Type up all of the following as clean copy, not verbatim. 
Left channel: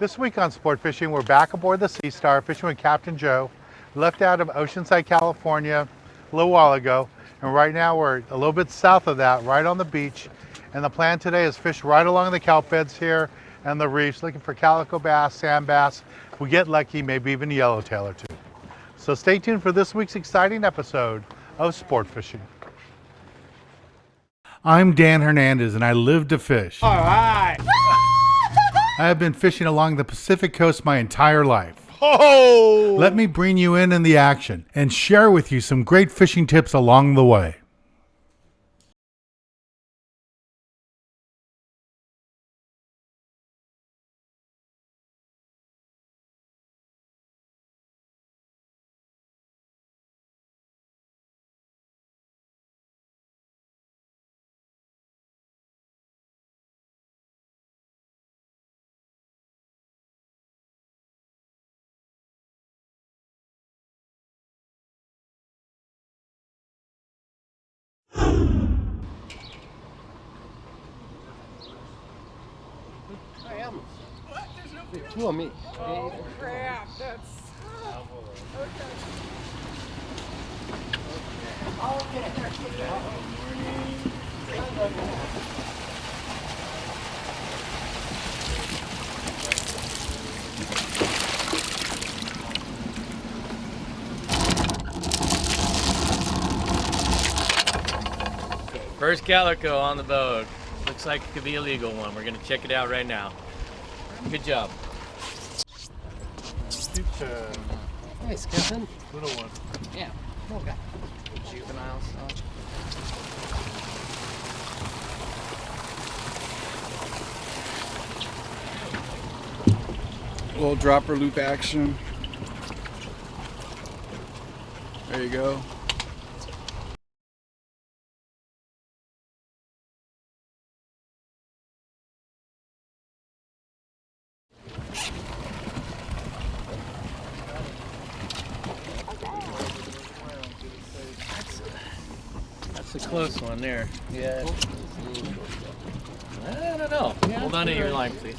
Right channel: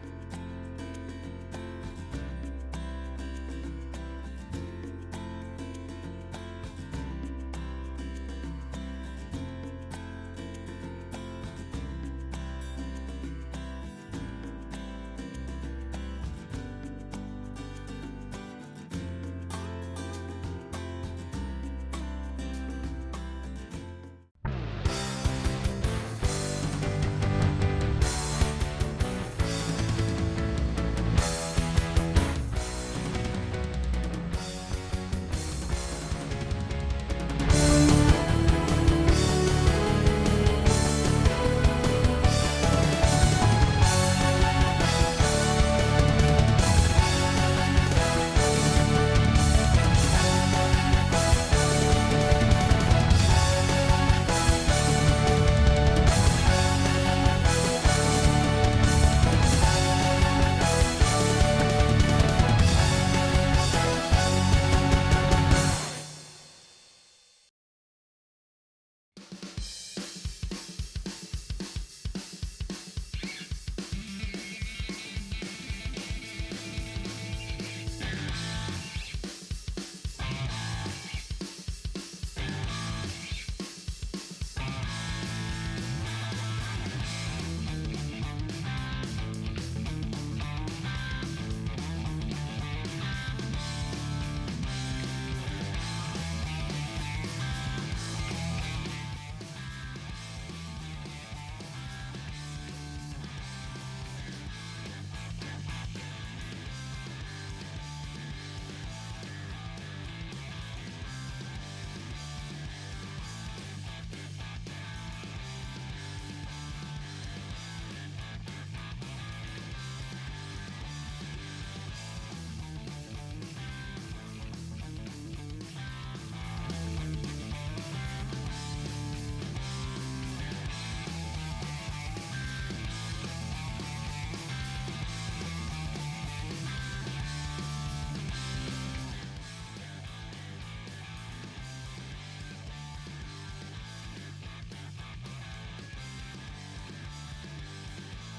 This week on Sport Fishing, we're back aboard the Sea Star fishing with Captain Joe. Left out of Oceanside, California a little while ago, and right now we're a little bit south of that, right on the beach. And the plan today is fish right along the kelp beds here and the reefs, looking for calico bass, sand bass. If we get lucky, maybe even a yellowtail or two. So stay tuned for this week's exciting episode of Sport Fishing. I'm Dan Hernandez and I live to fish. All right. I have been fishing along the Pacific coast my entire life. Oh! Let me bring you in the action and share with you some great fishing tips along the way. You want me? First calico on the boat. Looks like it could be a legal one. We're gonna check it out right now. Good job. Nice, Kevin. Little one. Yeah. Okay. Juveniles. Little dropper loop action. There you go. That's a close one there. Yeah. I don't know. Hold on to your line, please.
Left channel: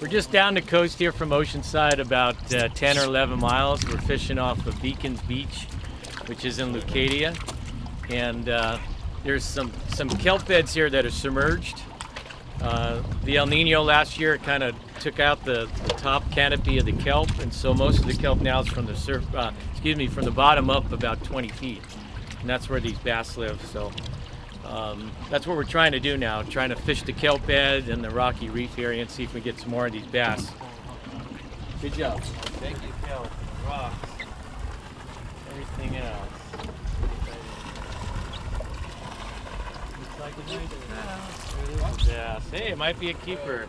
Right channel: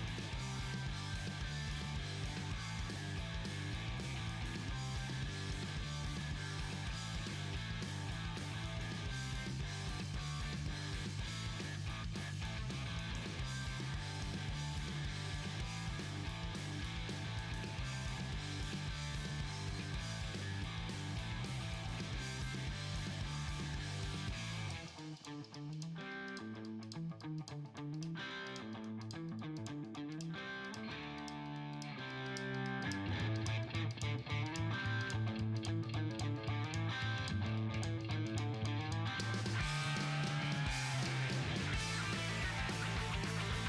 We're just down the coast here from Oceanside, about 10 or 11 miles. We're fishing off of Beacons Beach, which is in Leucadia. And there's some kelp beds here that are submerged. The El Nino last year kind of took out the top canopy of the kelp, and so most of the kelp now is from the from the bottom up about 20 feet. And that's where these bass live. So that's what we're trying to do now, trying to fish the kelp bed and the rocky reef area and see if we get some more of these bass. Good job. Thank you, kelp, rock, everything else. Yeah, hey, it might be a keeper.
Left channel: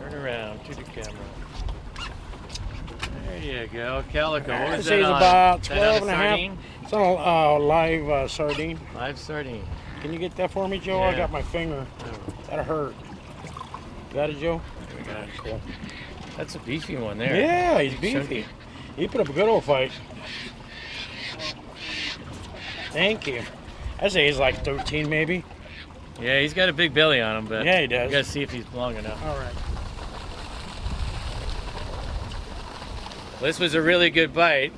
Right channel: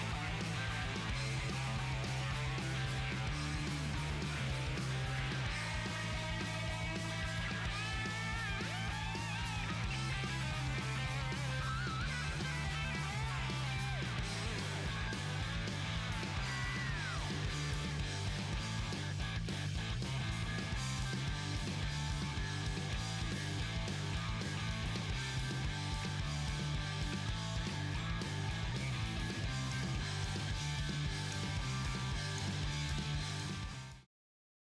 Turn around, keep the camera. There you go, calico. What was This that is on? about Is that 12 on and a a half. sardine? It's on a live sardine. Live sardine. Can you get that for me, Joe? I Yeah. got my finger. That'll hurt. Is that it, Joe? Yeah. That's a beefy one there. Yeah, he's Big chunky. beefy. He put up a good old fight. Thank you. I'd say he's like 13 maybe. Yeah, he's got a big belly on him, but Yeah, he does. we gotta see if he's long enough. All right. This was a really good bite.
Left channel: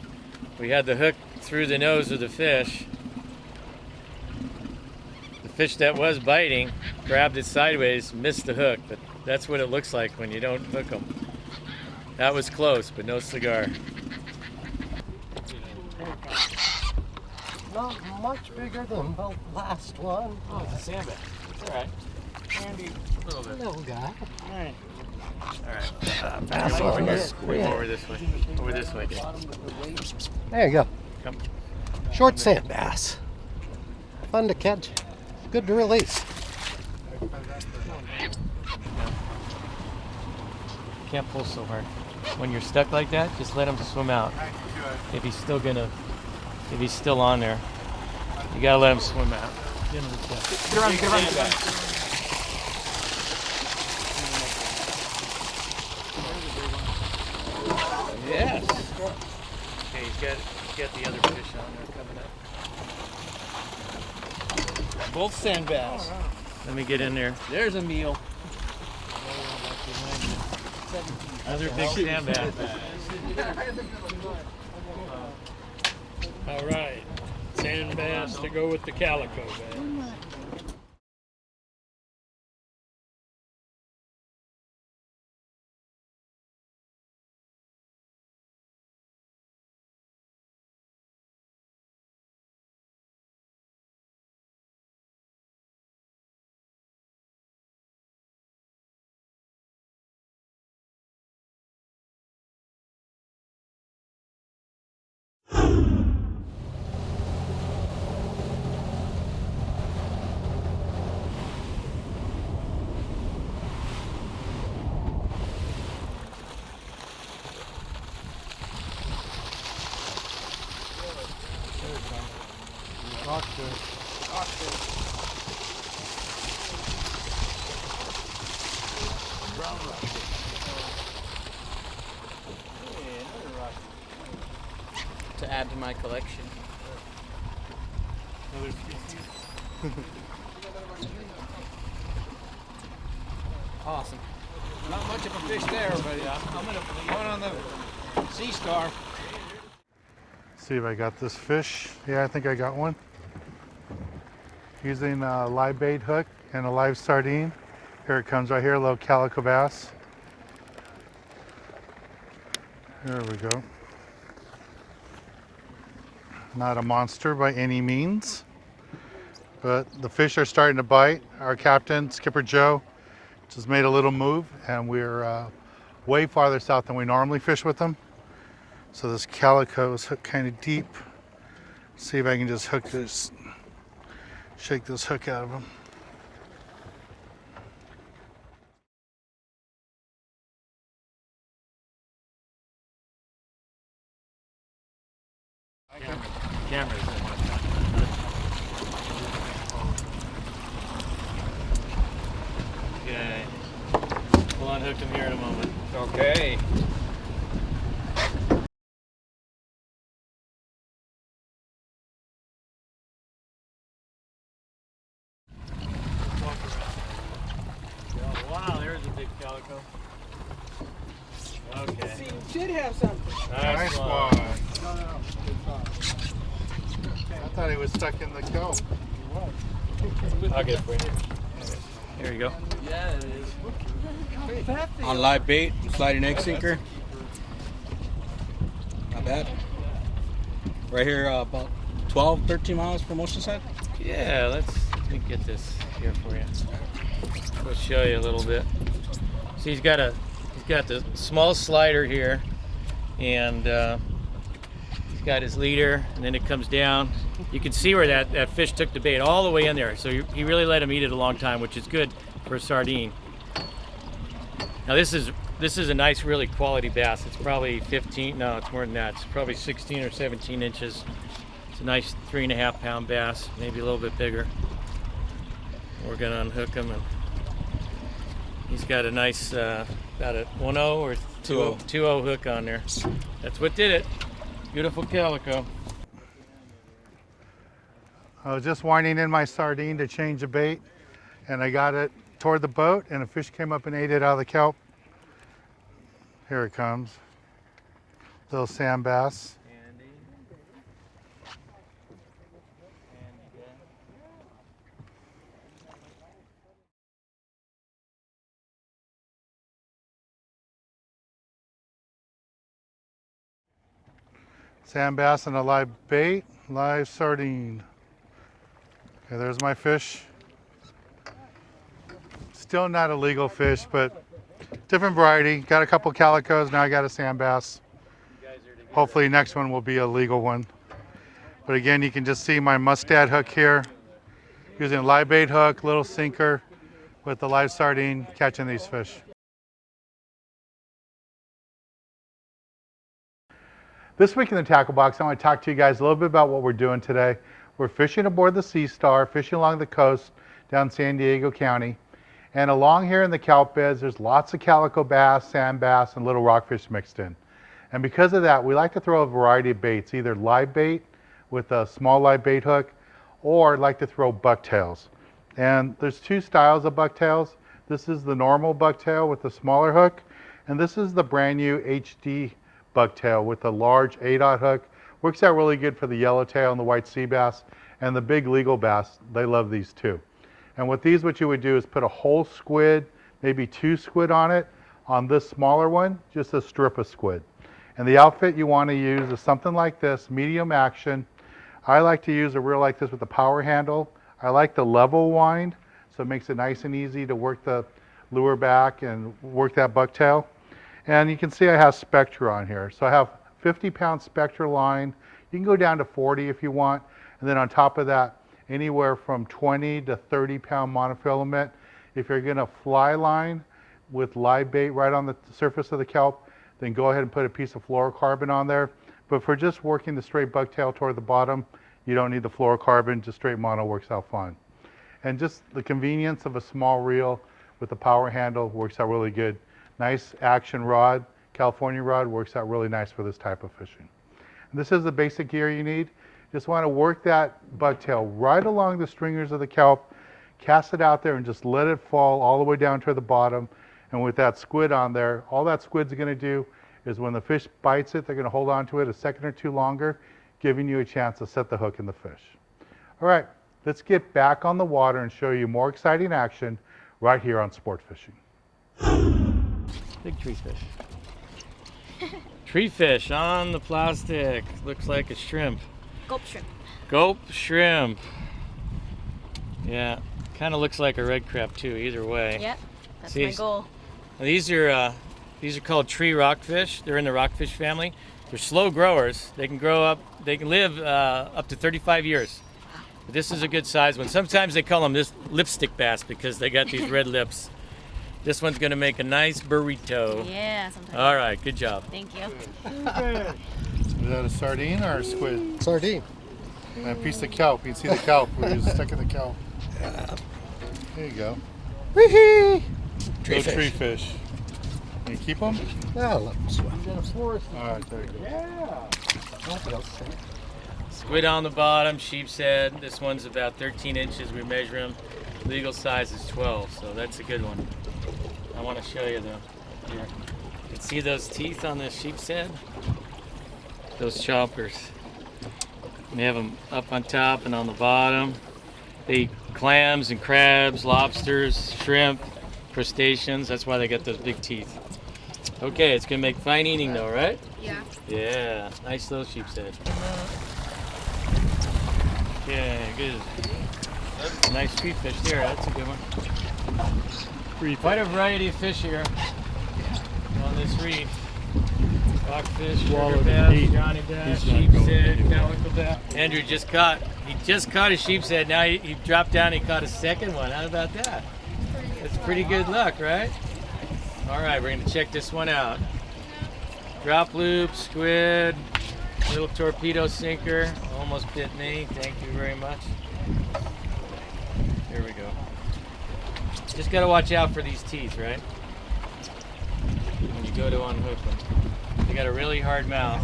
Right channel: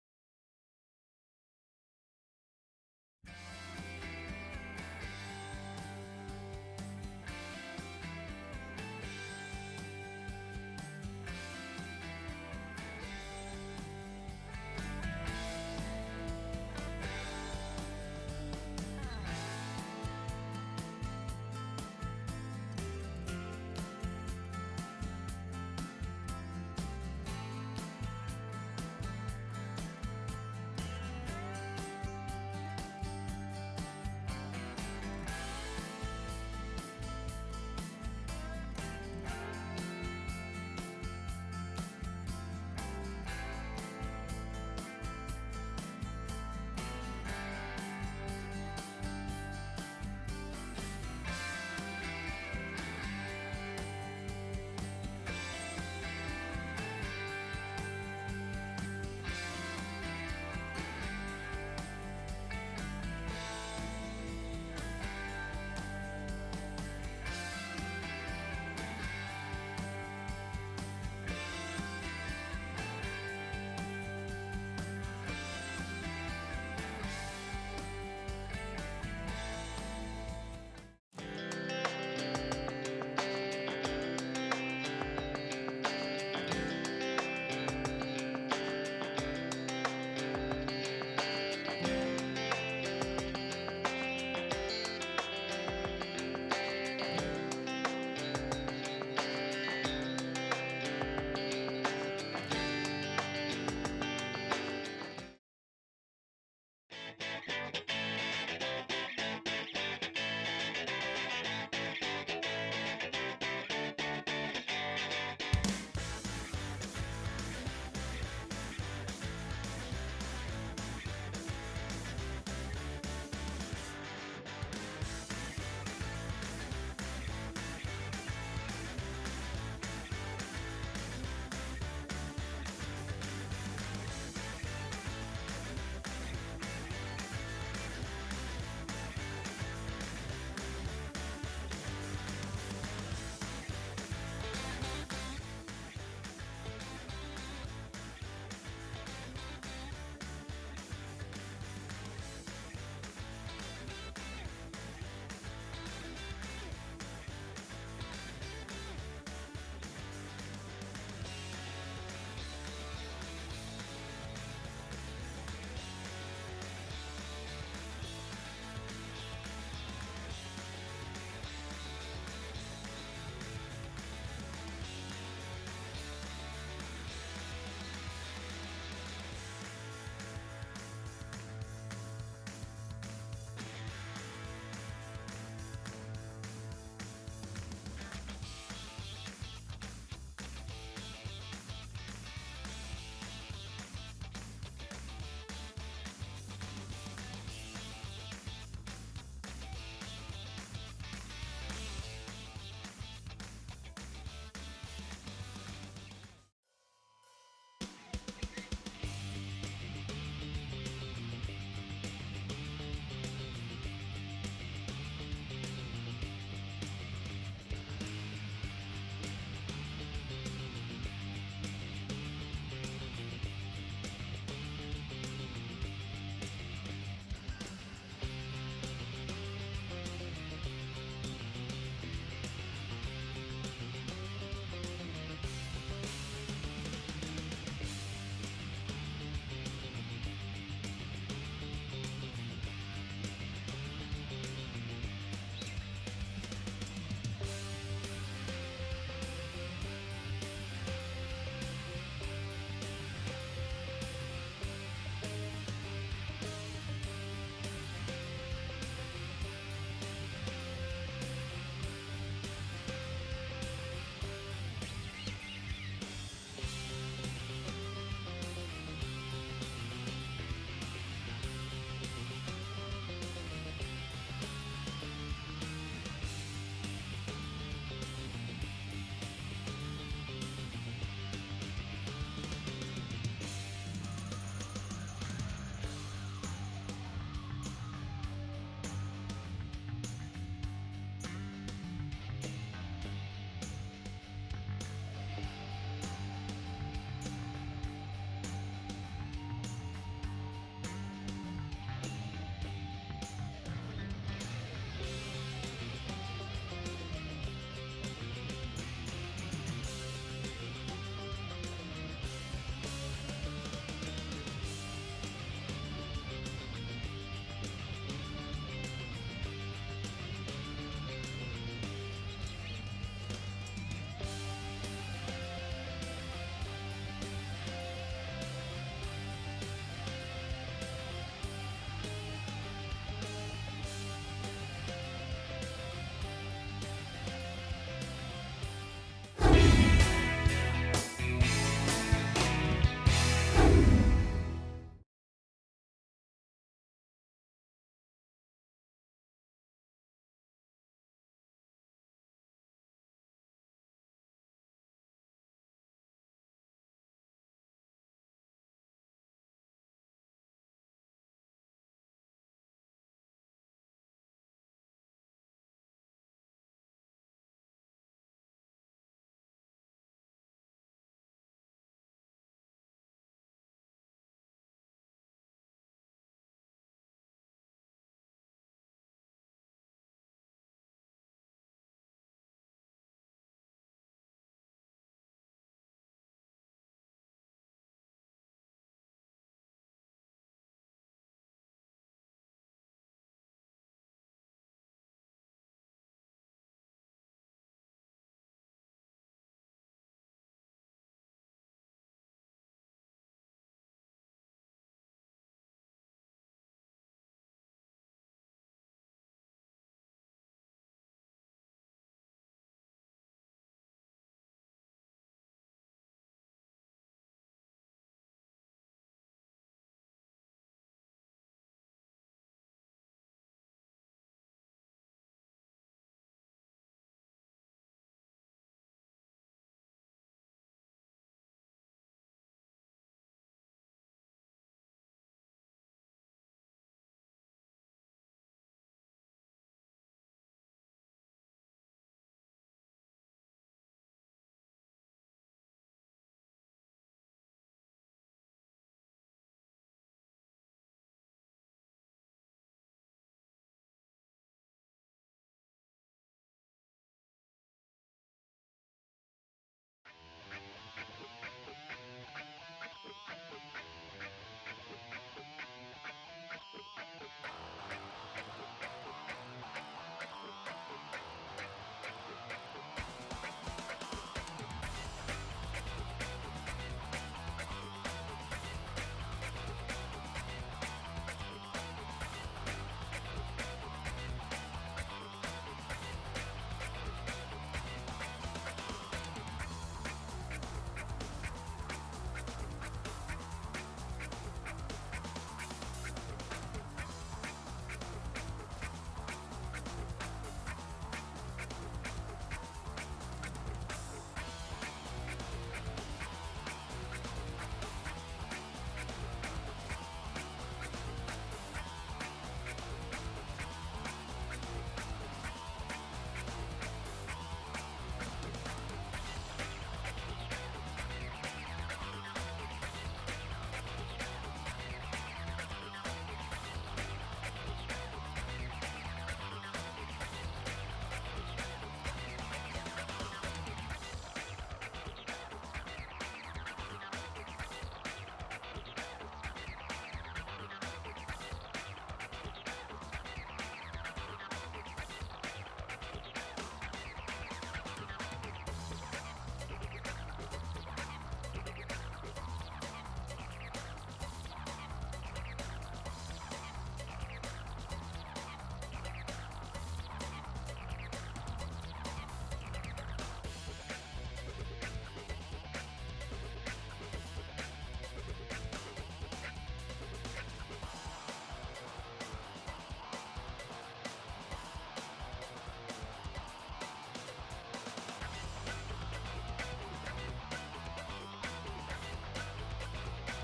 We had the hook through the nose of the fish. The fish that was biting grabbed it sideways, missed the hook, but that's what it looks like when you don't hook them. That was close, but no cigar. Not much bigger than the last one. Oh, it's a sandbag. All right. Handy. A little bit. Little guy. All right. Bass Over on here. this. Over this way. Over this way. There you go. Come. Short sand bass. Fun to catch. Good to release. Can't pull so hard. When you're stuck like that, just let him swim out. If he's still on there, you gotta let him swim out. Get him to the tip. Get around. Yes. Okay, he's got the other fish on there coming up. Both sand bass. Let me get in there. There's a meal. Another big sand bass. All right, sand bass to go with the calico bass. To add to my collection. Awesome. Not much of a fish there, but I'm gonna one on the Sea Star. See if I got this fish. Yeah, I think I got one. Using a live bait hook and a live sardine. Here it comes right here, a little calico bass. There we go. Not a monster by any means, but the fish are starting to bite. Our captain, Skipper Joe, just made a little move, and we're way farther south than we normally fish with them. So this calico is hooked kind of deep. See if I can just hook this, shake this hook out of him. Cameras. Okay. We'll unhook him here in a moment. Okay. Wow, there's a big calico. Okay. You should have something. Nice one. I thought he was stuck in the go. I'll get it for you. There you go. On live bait, sliding egg sinker. Not bad. Right here, about 12, 13 miles from Oceanside. Yeah, let me get this here for you. I'll show you a little bit. See, he's got the small slider here, and he's got his leader, and then it comes down. You can see where that fish took the bait all the way in there. So he really let him eat it a long time, which is good for a sardine. Now this is a nice, really quality bass. It's probably 15, no, it's more than that. It's probably 16 or 17 inches. It's a nice 3.5 pound bass, maybe a little bit bigger. We're gonna unhook him, and he's got a nice, got a 1-0 or 2-0 hook on there. That's what did it. Beautiful calico. I was just winding in my sardine to change the bait, and I got it toward the boat, and a fish came up and ate it out of the kelp. Here it comes. Little sand bass. Sand bass and a live bait, live sardine. And there's my fish. Still not a legal fish, but different variety. Got a couple calicos, now I got a sand bass. Hopefully next one will be a legal one. But again, you can just see my mustad hook here. Using a live bait hook, little sinker with the live sardine, catching these fish. This week in the Tackle Box, I want to talk to you guys a little bit about what we're doing today. We're fishing aboard the Sea Star, fishing along the coast down San Diego County. And along here in the kelp beds, there's lots of calico bass, sand bass, and little rockfish mixed in. And because of that, we like to throw a variety of baits, either live bait with a small live bait hook, or like to throw bucktails. And there's two styles of bucktails. This is the normal bucktail with the smaller hook, And this is the brand new HD bucktail with a large 8/0 hook. Works out really good for the yellowtail and the white sea bass and the big legal bass. They love these too. And with these, what you would do is put a whole squid, maybe 2 squid on it. On this smaller one, just a strip of squid. And the outfit you want to use is something like this, medium action. I like to use a reel like this with a power handle. I like the level wind, so it makes it nice and easy to work the lure back and work that bucktail. And you can see I have Spectra on here. So I have 50-pound Spectra line. You can go down to 40 if you want. And then on top of that, anywhere from 20 to 30-pound monofilament. If you're gonna fly line with live bait right on the surface of the kelp, then go ahead and put a piece of fluorocarbon on there. But for just working the straight bucktail toward the bottom, you don't need the fluorocarbon, just straight mono works out fine. And just the convenience of a small reel with a power handle works out really good. Nice action rod, California rod, works out really nice for this type of fishing. And this is the basic gear you need. Just want to work that bucktail right along the stringers of the kelp, cast it out there and just let it fall all the way down to the bottom. And with that squid on there, all that squid's going to do is when the fish bites it, they're going to hold on to it a second or two longer, giving you a chance to set the hook in the fish. All right, let's get back on the water and show you more exciting action right here on Sport Fishing. Big tree fish. Tree fish on the plastic. Looks like a shrimp. Gulp shrimp. Gulp shrimp. Yeah, kind of looks like a red crab too, either way. Yep, that's See, my goal. These are called tree rockfish. They're in the rockfish family. They're slow growers. They can grow up, they can live up to 35 years. But this is a good size one. Sometimes they call them this lipstick bass because they got these red lips. This one's gonna make a nice burrito. Yeah, sometimes. All right, good job. Thank you. Is that a sardine or a squid? Sardine. And a piece of kelp. You can see the kelp where you're stuck in the kelp. There you go. Wee-hee! Little tree fish. Can you keep them? Yeah, let them swim. All right, there you go. Squid on the bottom, sheep's head. This one's about 13 inches. We measure them. Legal size is 12, so that's a good one. I want to show you though. Yeah. See those teeth on the sheep's head? Those choppers. We have them up on top and on the bottom. They eat clams and crabs, lobsters, shrimp, crustaceans. That's why they got those big teeth. Okay, it's gonna make fine eating though, right? Yeah. Yeah, nice little sheep's head. Yeah, good. Nice street fish there, that's a good one. Quite a variety of fish here on this reef. Rockfish, sugar bass, Johnny bass, sheep's head, calico bass. Andrew just caught a sheep's head. Now he dropped down and he caught a second one. How about that? That's pretty good luck, right? All right, we're gonna check this one out. Drop loop, squid, little torpedo sinker. Almost bit me. Thank you very much. Here we go. Just gotta watch out for these teeth, right? When you go to unhook them. They got a really hard mouth.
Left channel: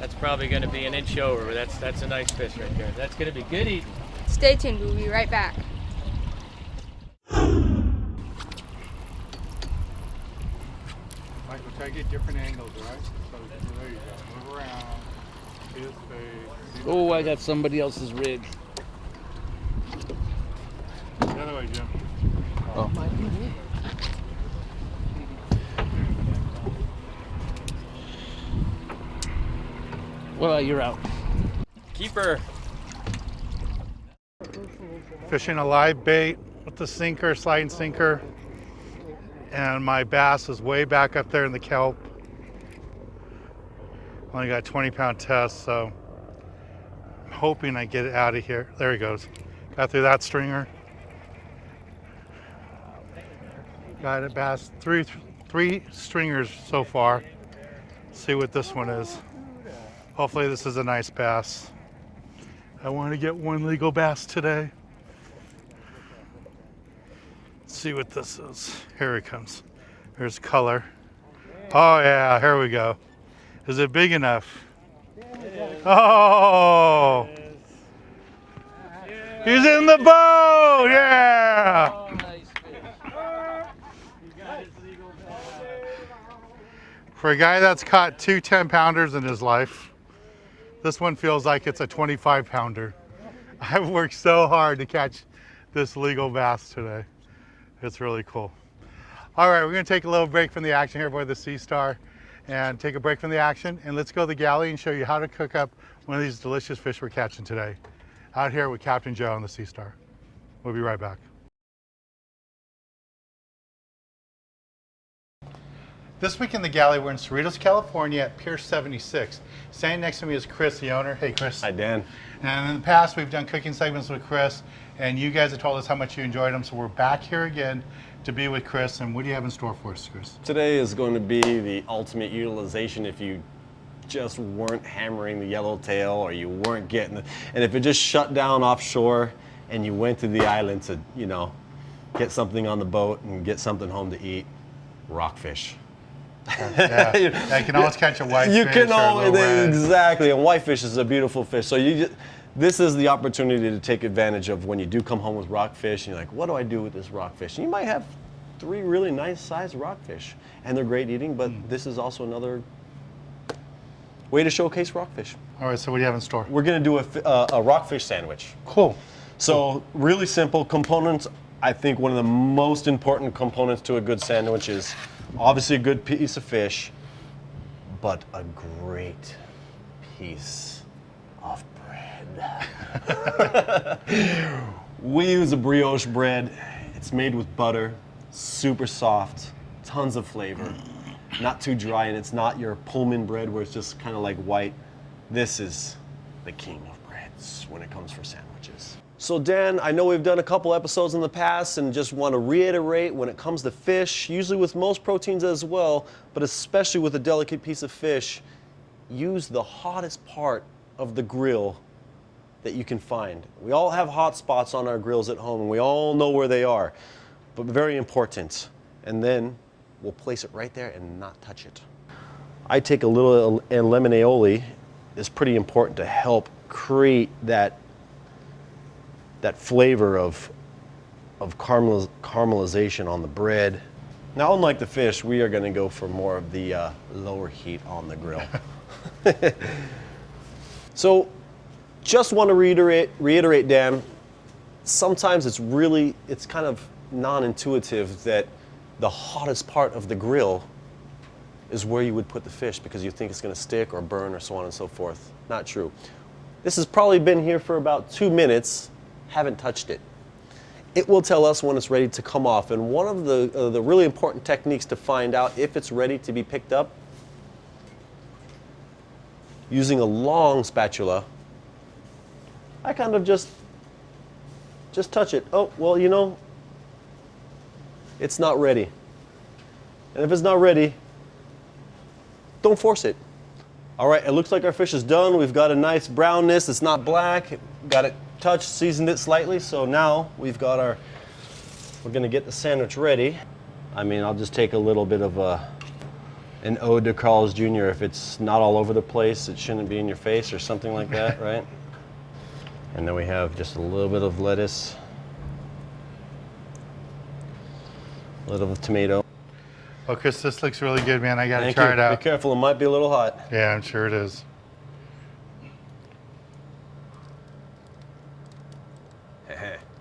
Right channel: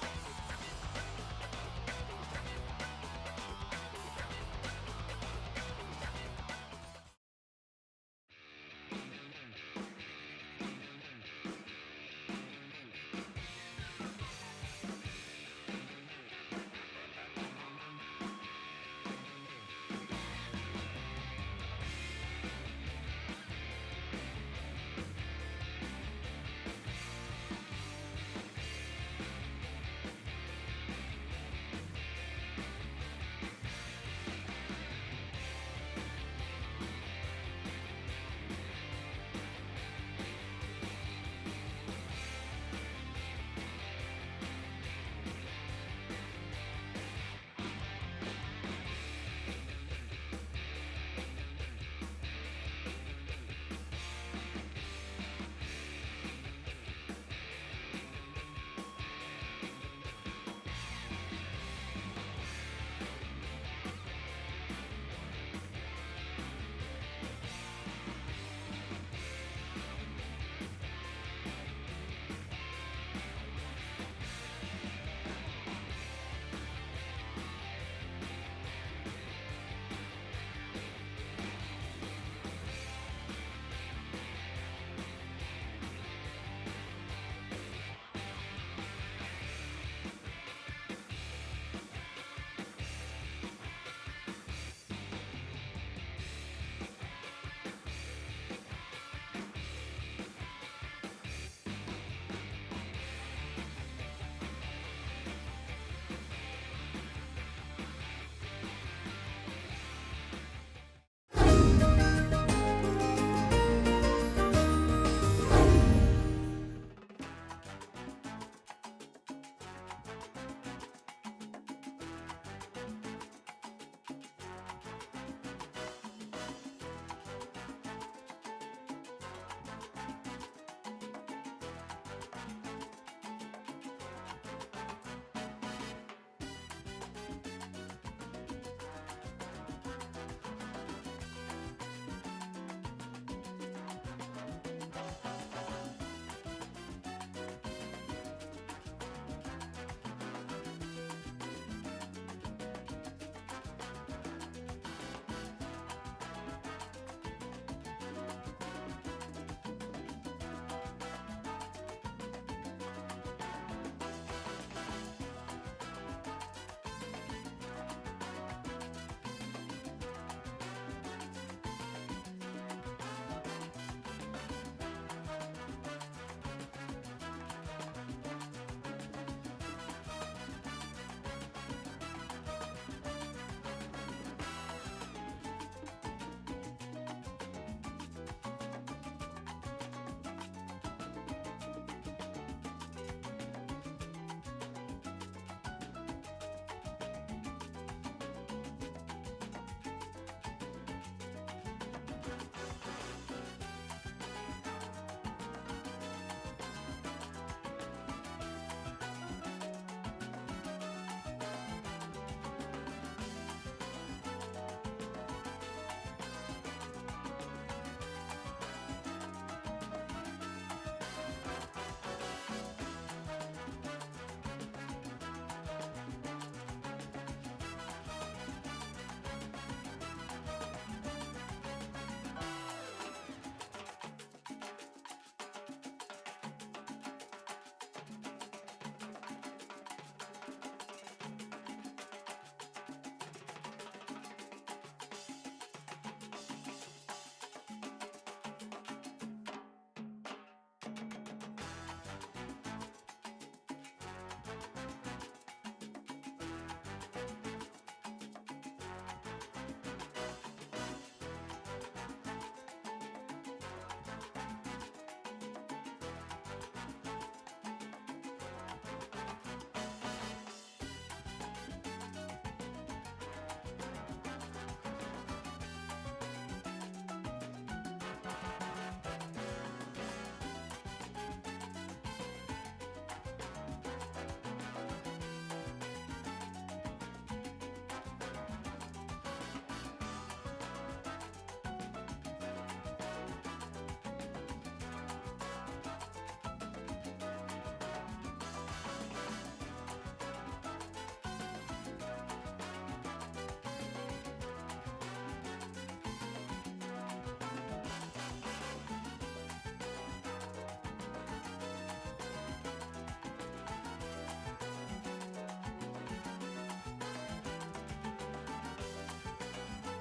That's probably gonna be an inch over. That's a nice fish right there. That's gonna be good eating. Stay tuned, we'll be right back. Michael, try to get different angles, right? So, there you go. Move around. Oh, I got somebody else's rig. The other way, Jim. Oh. Well, you're out. Keeper. Fishing a live bait with the sinker, sliding sinker. And my bass is way back up there in the kelp. Only got 20-pound test, so hoping I get it out of here. There he goes. Got through that stringer. Got a bass, three stringers so far. Let's see what this one is. Hopefully this is a nice bass. I want to get one legal bass today. Let's see what this is. Here it comes. There's color. Oh yeah, here we go. Is it big enough? Oh! He's in the boat! Yeah! For a guy that's caught 2 10-pounders in his life, this one feels like it's a 25-pounder. I've worked so hard to catch this legal bass today. It's really cool. All right, we're gonna take a little break from the action here aboard the Sea Star and take a break from the action, and let's go to the galley and show you how to cook up one of these delicious fish we're catching today. Out here with Captain Joe on the Sea Star. We'll be right back. This week in the galley, we're in Cerritos, California at Pier 76. Standing next to me is Chris, the owner. Hey, Chris. Hi, Dan. And in the past, we've done cooking segments with Chris, and you guys have told us how much you enjoyed them, so we're back here again to be with Chris. And what do you have in store for us, Chris? Today is going to be the ultimate utilization if you just weren't hammering the yellowtail or you weren't getting it. And if it just shut down offshore and you went to the island to, you know, get something on the boat and get something home to eat, rockfish. Yeah, you can always catch a whitefish. You can always, red. exactly, and whitefish is a beautiful fish. So this is the opportunity to take advantage of when you do come home with rockfish, and you're like, what do I do with this rockfish? And you might have 3 really nice sized rockfish, and they're great eating, but this is also another way to showcase rockfish. All right, so what do you have in store? We're gonna do a rockfish sandwich. Cool. So really simple components. I think one of the most important components to a good sandwich is obviously a good piece of fish, but a great piece of bread. We use a brioche bread. It's made with butter, super soft, tons of flavor, not too dry, and it's not your Pullman bread where it's just kind of like white. This is the king of breads when it comes for sandwiches. So Dan, I know we've done a couple episodes in the past and just want to reiterate when it comes to fish, usually with most proteins as well, but especially with a delicate piece of fish, use the hottest part of the grill that you can find. We all have hot spots on our grills at home and we all know where they are, but very important. And then we'll place it right there and not touch it. I take a little lemon aioli. It's pretty important to help create that flavor of caramelization on the bread. Now, unlike the fish, we are going to go for more of the lower heat on the grill. So, just want to reiterate, Dan, sometimes it's kind of non-intuitive that the hottest part of the grill is where you would put the fish because you think it's going to stick or burn or so on and so forth. Not true. This has probably been here for about 2 minutes. Haven't touched it. It will tell us when it's ready to come off, and one of the really important techniques to find out if it's ready to be picked up, using a long spatula, I kind of just touch it. Oh, well, you know, it's not ready. And if it's not ready, don't force it. All right, it looks like our fish is done. We've got a nice brownness. It's not black. Got it touched, seasoned it slightly. So now we're gonna get the sandwich ready. I mean, I'll just take a little bit of an ode to Carl's Jr. If it's not all over the place, it shouldn't be in your face or something like that, right? And then we have just a little bit of lettuce, a little of tomato. Well, Chris, this looks really good, man. I gotta Thank try you. it out. Be careful, it might be a little hot. Yeah, I'm sure it is.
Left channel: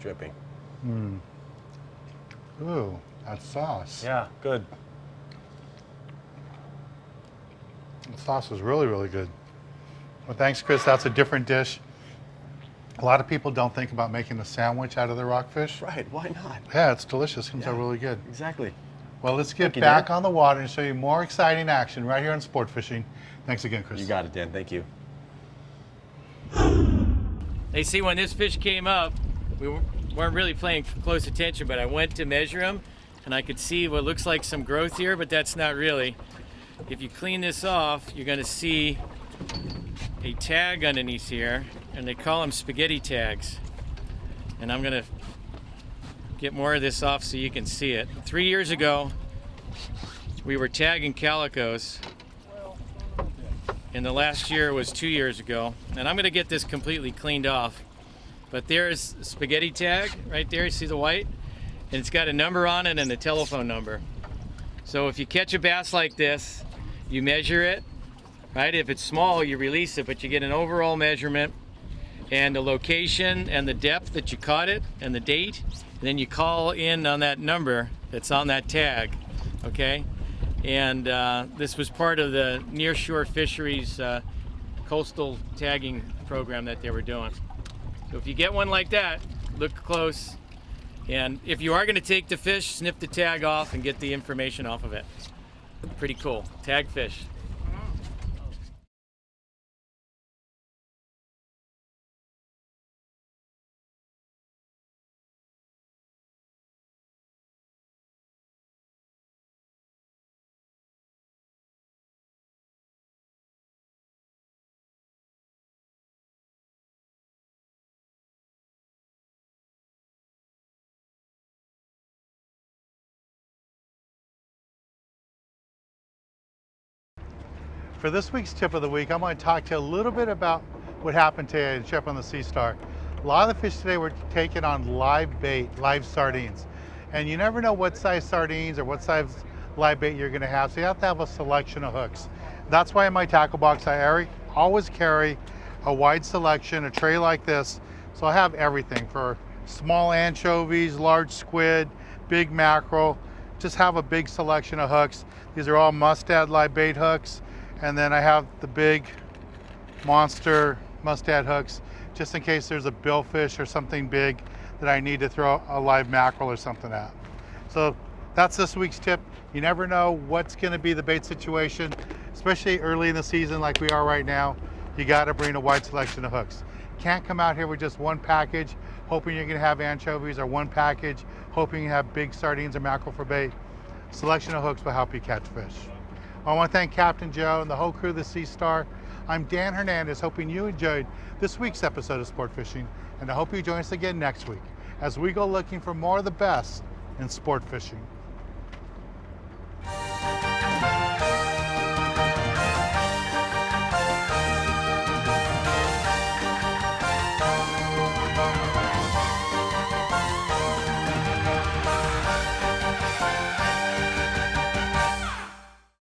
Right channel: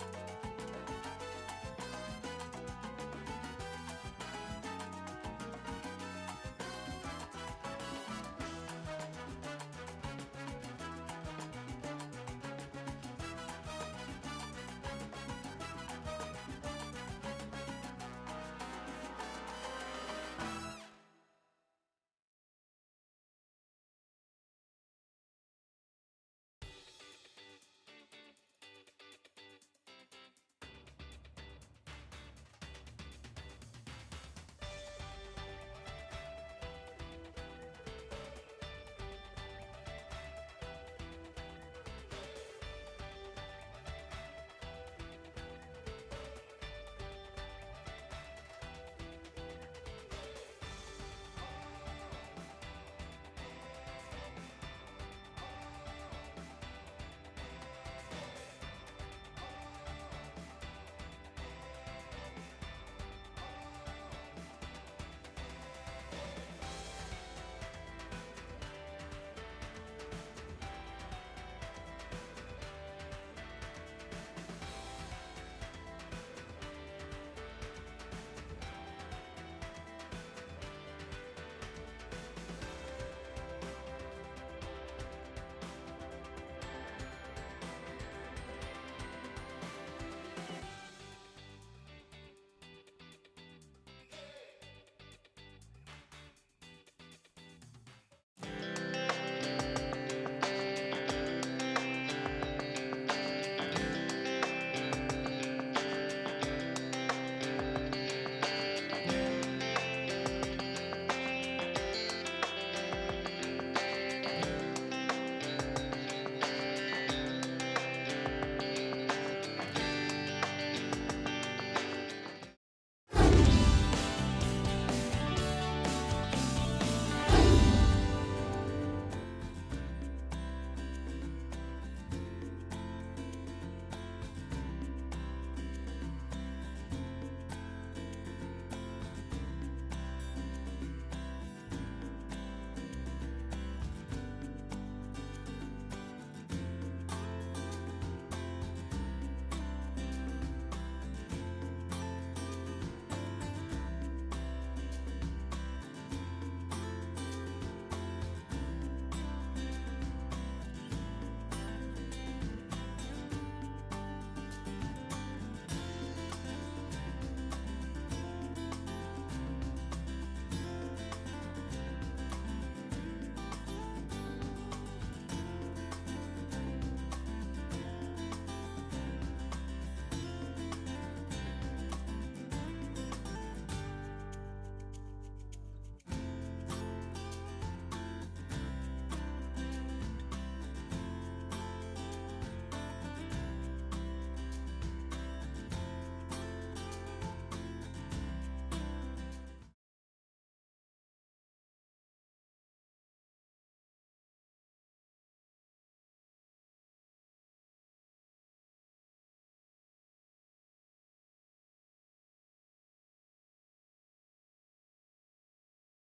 Dripping. Ooh, that sauce. Yeah, good. The sauce is really, really good. Well, thanks, Chris. That's a different dish. A lot of people don't think about making the sandwich out of the rockfish. Right, why not? Yeah, it's delicious. It comes out really good. Exactly. Well, let's get Thank you, back Dan. on the water and show you more exciting action right here on Sport Fishing. Thanks again, Chris. You got it, Dan. Thank you. They see when this fish came up, we weren't really paying close attention, but I went to measure him and I could see what looks like some growth here, but that's not really. If you clean this off, you're gonna see a tag underneath here, and they call them spaghetti tags. And I'm gonna get more of this off so you can see it. 3 years ago, we were tagging calicos, and the last year was 2 years ago. And I'm gonna get this completely cleaned off. But there's a spaghetti tag right there, you see the white? And it's got a number on it and a telephone number. So if you catch a bass like this, you measure it, right? If it's small, you release it, but you get an overall measurement and the location and the depth that you caught it and the date. And then you call in on that number that's on that tag, okay? And this was part of the nearshore fisheries coastal tagging program that they were doing. So if you get one like that, look close. And if you are going to take the fish, snip the tag off and get the information off of it. Pretty cool. Tag fish. For this week's tip of the week, I'm going to talk to you a little bit about what happened today at Trip on the Sea Star. A lot of the fish today were taken on live bait, live sardines. And you never know what size sardines or what size live bait you're going to have, so you have to have a selection of hooks. That's why in my tackle box I always carry a wide selection, a tray like this. So I have everything for small anchovies, large squid, big mackerel. Just have a big selection of hooks. These are all mustad live bait hooks. And then I have the big monster mustad hooks, just in case there's a billfish or something big that I need to throw a live mackerel or something at. So that's this week's tip. You never know what's gonna be the bait situation, especially early in the season like we are right now. You gotta bring a wide selection of hooks. Can't come out here with just one package, hoping you're gonna have anchovies, or one package, hoping you have big sardines or mackerel for bait. Selection of hooks will help you catch fish. I want to thank Captain Joe and the whole crew of the Sea Star. I'm Dan Hernandez, hoping you enjoyed this week's episode of Sport Fishing, and I hope you join us again next week as we go looking for more of the best in sport fishing.